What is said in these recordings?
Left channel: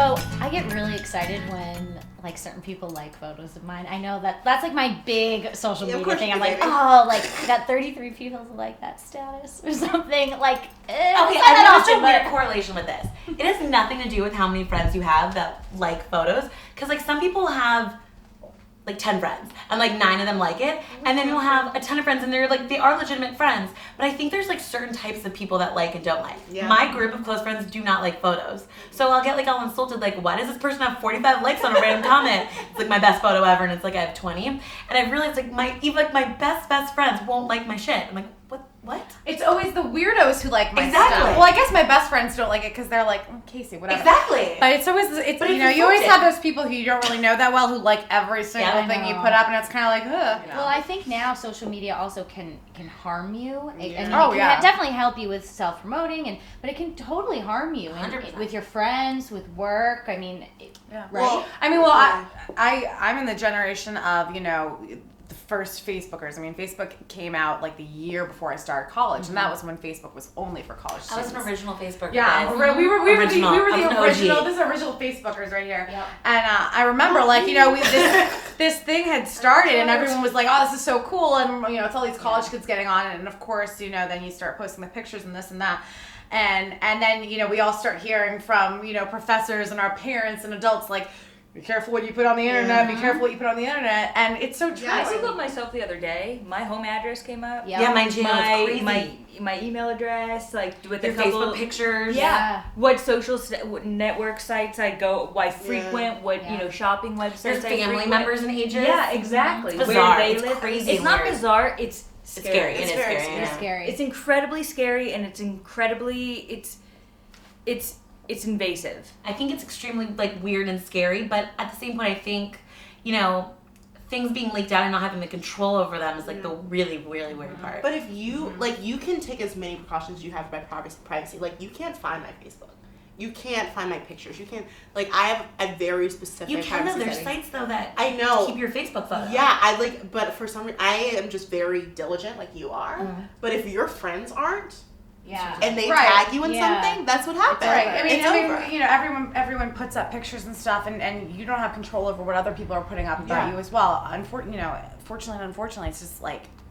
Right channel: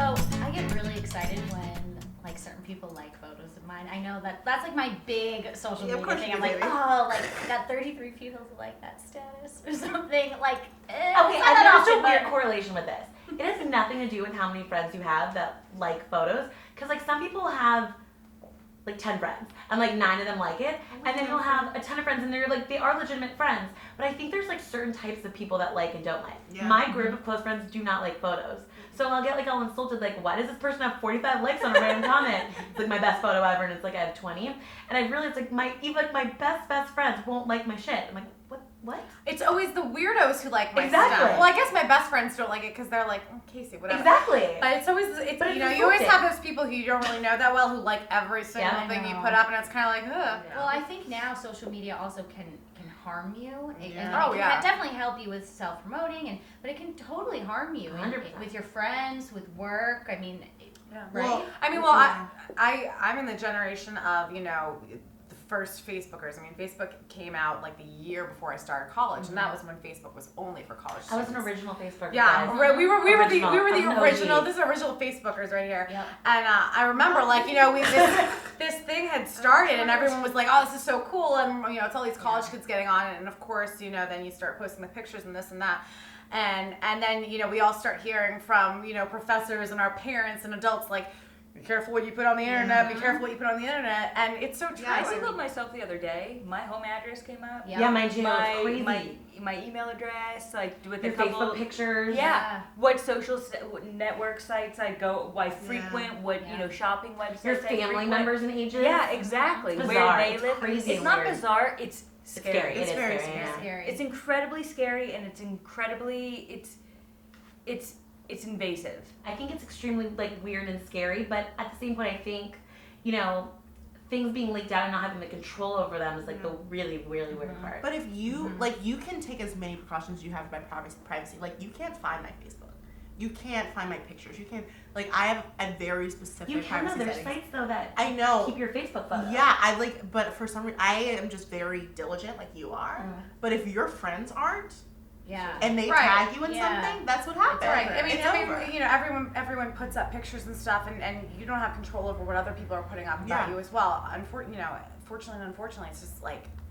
So I get really excited when like certain people like photos of mine. I know that's like my big social media thing. I'm like, oh, like got 33 people who like that status or something. Like, okay, I noticed a weird correlation with this. It has nothing to do with how many friends you have that like photos, because like some people have like 10 friends and like 9 of them like it, and then you'll have a ton of friends and they're like, they are legitimate friends, but I think there's like certain types of people that like and don't like. Yeah. My group of close friends do not like photos, so I'll get like all insulted, like, why does this person have 45 likes on a random comment? It's like my best photo ever and it's like I have 20, and I realized like my best friends won't like my shit. I'm like, what? It's always the weirdos who like my stuff. Well, I guess my best friends don't like it because they're like, Casey, whatever. Exactly. But it's always, you always have those people who you don't really know that well who like every single thing you put up, and it's kind of like, ugh. Well, I think now social media also can harm you. Yeah. It can definitely help you with self-promoting, but it can totally harm you with your friends, with work. I mean, right? Well, I'm in the generation of, the first Facebookers. I mean, Facebook came out like the year before I started college, and that was when Facebook was only for college students. I was an original Facebooker. Yeah, guys. we were the original. This is original Facebookers right here. Yep. And I remember, this thing had started, and everyone was like, "Oh, this is so cool!" And it's all these college kids getting on it, and of course, then you start posting the pictures and this and that. And then we all start hearing from professors and our parents and adults like, be careful what you put on the internet. Be careful what you put on the internet, and it's so true. I Googled myself the other day. My home address came up. Yeah, mine too. My email address, like with their Facebook pictures. Yeah. What social network sites I go, I frequent, what shopping websites. There's family members and ages. Yeah, exactly. It's bizarre. Where they it's live. crazy. It's not bizarre. It's scary. It's scary. It's incredibly scary, and it's incredibly it's invasive. I think it's extremely weird and scary, but at the same point, I think, things being leaked out and not having the control over them is the really, really weird part. But if you you can take as many precautions you have by privacy. You can't find my Facebook. You can't find my pictures. You can't I have a very specific. You can though. There's sites though that I know keep your Facebook photo. Yeah, but for some reason I am just very diligent, like you are. But if your friends aren't. Yeah. And they tag you in something, that's what happens. Right. It's over. Everyone puts up pictures and stuff, and you don't have control over what other people are putting up about you as well. Fortunately and unfortunately, it's just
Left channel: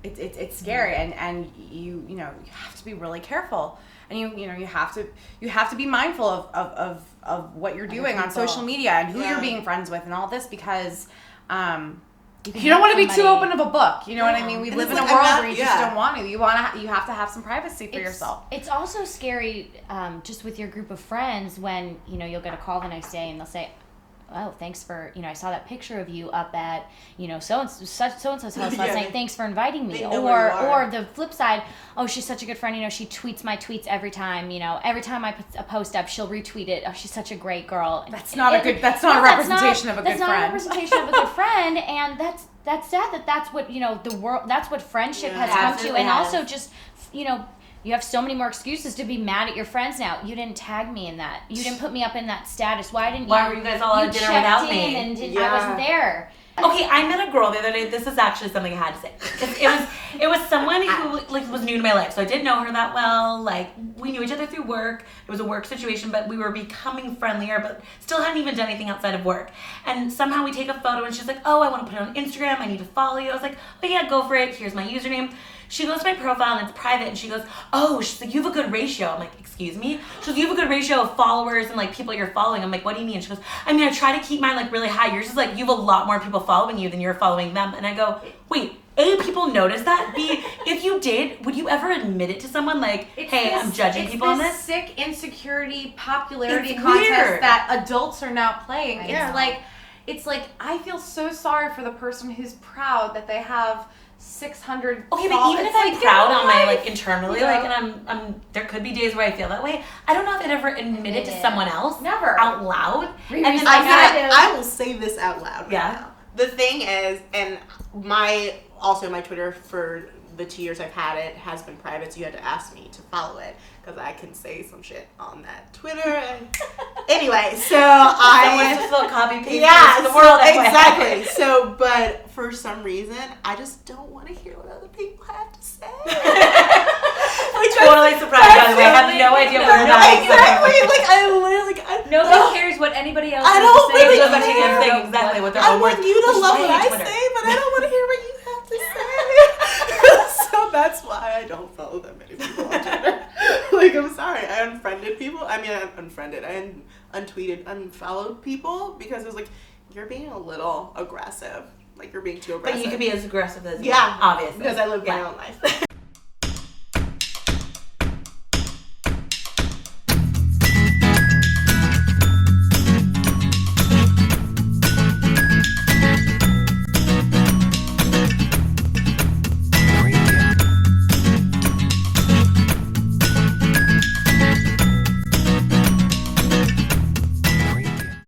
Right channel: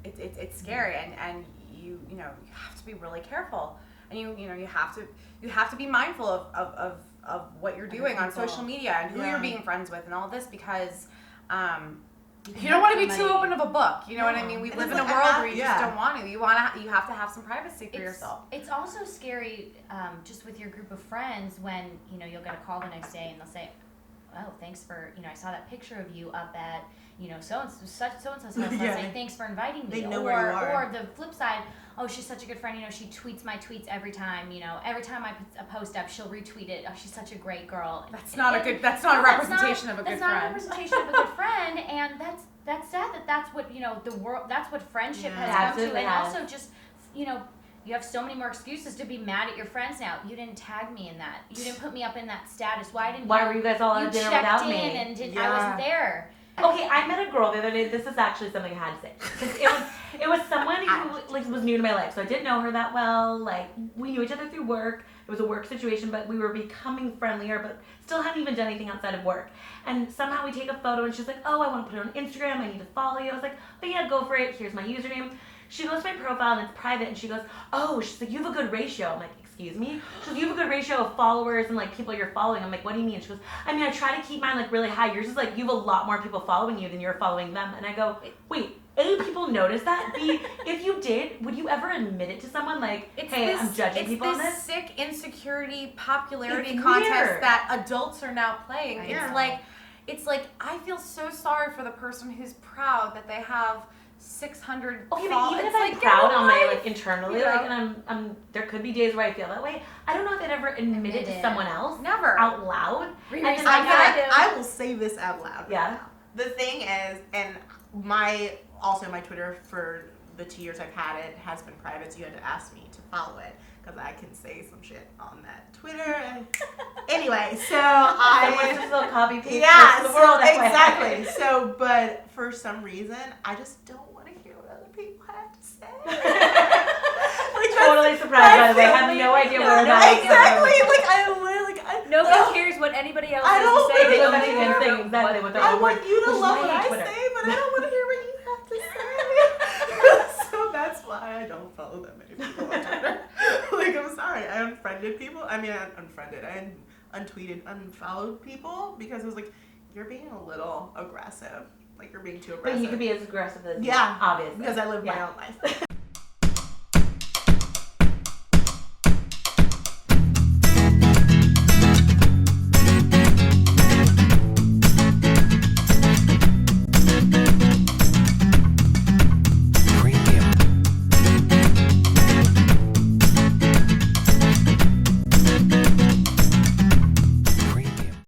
it's scary, and you have to be really careful, and you have to be mindful of what you're doing on social media and who you're being friends with and all this, because you don't want to be too open of a book. You know what I mean? We live in a world where you just don't want to. You have to have some privacy for yourself. It's also scary just with your group of friends when, you'll get a call the next day and they'll say, oh, thanks for, I saw that picture of you up at, so-and-so's house last night. Thanks for inviting me. Or the flip side, oh, she's such a good friend. She tweets my tweets every time. Every time I put a post up, she'll retweet it. Oh, she's such a great girl. That's not a representation of a good friend. That's not a representation of a good friend, and that's sad that's what, the world, that's what friendship has come to. And also just, you have so many more excuses to be mad at your friends now. You didn't tag me in that. You didn't put me up in that status. Why were you guys all at dinner without me? And I wasn't there. Okay, I met a girl the other day. This is actually something I had to say. It was someone who was new to my life, so I didn't know her that well. We knew each other through work. It was a work situation, but we were becoming friendlier, but still hadn't even done anything outside of work. And somehow we take a photo, and she's like, "Oh, I want to put it on Instagram. I need to follow you." I was like, "Oh yeah, go for it. Here's my username." She goes to my profile and it's private, and she goes, "Oh," she's like, "you have a good ratio." I'm like, "Excuse me?" She goes, "You have a good ratio of followers and people you're following." I'm like, "What do you mean?" She goes, "I mean, I try to keep mine really high. Yours is you have a lot more people following you than you're following them." And I go, "Wait, A, people notice that? B, if you did, would you ever admit it to someone hey, I'm judging people on this?" It's this sick insecurity popularity contest that adults are now playing. It's like I feel so sorry for the person who's proud that they have 600 Okay, but even if I'm proud on my internally, and I'm there could be days where I feel that way. I don't know if I'd ever admit it to someone else. Never. Out loud. And then I will say this out loud. Yeah. Now. The thing is, and my Twitter for the 2 years I've had it has been private, so you had to ask me to follow it because I can say some shit on that Twitter. And anyway, so I just will copy paste the world. Exactly. So, but for some reason, I just don't want to hear what other people have to say. Totally surprised, by the way. I have no idea where that is. Exactly. I literally, Nobody cares what anybody else I has don't to say. really Those Nobody are care. the cares things, exactly what they're I all want worth, you to which is love why what I I hate Twitter. say, but I don't want to hear what you have to say. So that's why I don't follow that many people on Twitter. Like, I'm sorry. I unfriended people. I mean, I untweeted, unfollowed people because it was like, you're being a little aggressive. Like, you're being too aggressive. But you could be as aggressive as you Yeah, want, obviously. because I live my own life.